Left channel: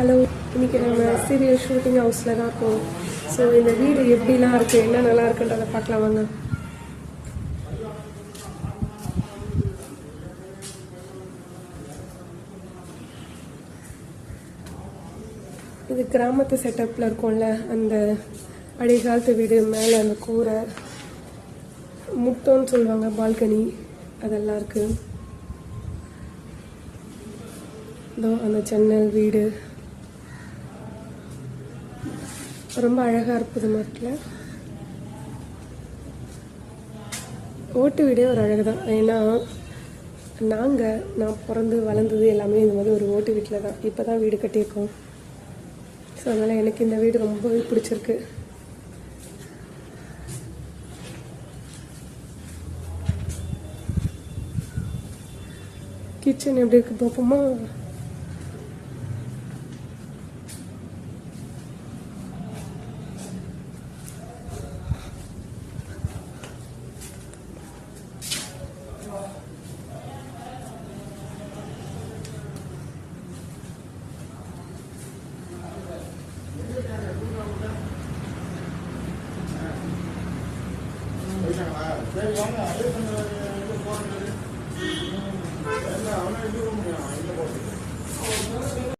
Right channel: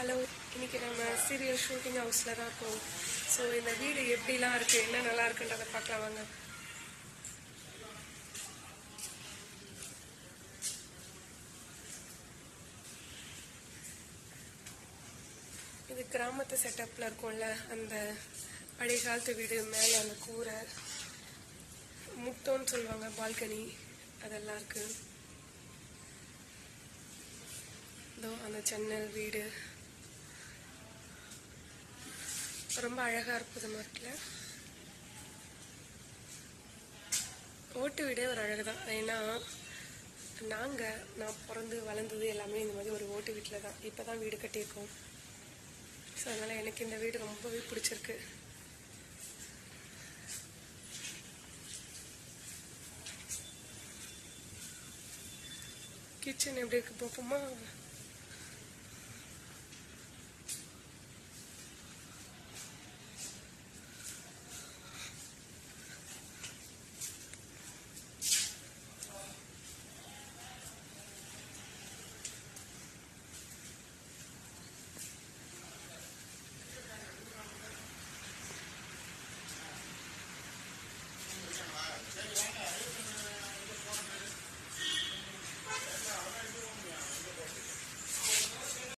Hello, இன்றைக்கி நம்ம serial shooting ஹவுஸில் தான் இருக்கோம். ஸோ இந்த வீடு எப்படிலாம் இருக்குது, என்ன நல்லா இருக்குன்றதை பார்க்கலாம் வாங்க. இது கிராமத்து செட்டப்பில் இருக்கும்ல, அந்த பழைய காலத்து வீடு. மேலே அந்த கூரை, முட்டோன்னு சொல்லுவாங்க, பால்கனி அதெல்லாம் இருக்குது. இதோ அந்த ஜன்னல் வீடு ரொம்ப அழகாக அற்புதமாக இருக்குல்ல. ஓட்டு வீடே ஒரு அழகு தான். ஏன்னா நான் பிறந்து வளர்ந்தது எல்லாமே இந்த மாதிரி ஒரு ஓட்டு வீட்டில் தான். இப்போ தான் வீடு கட்டியிருக்கோம். ஸோ அதனால் எனக்கு இந்த வீடு ரொம்பவே பிடிச்சிருக்கு. கிச்சன் எப்படி இருக்கு பார்ப்போமா? சரி வாங்க அப்படியே கொஞ்சம்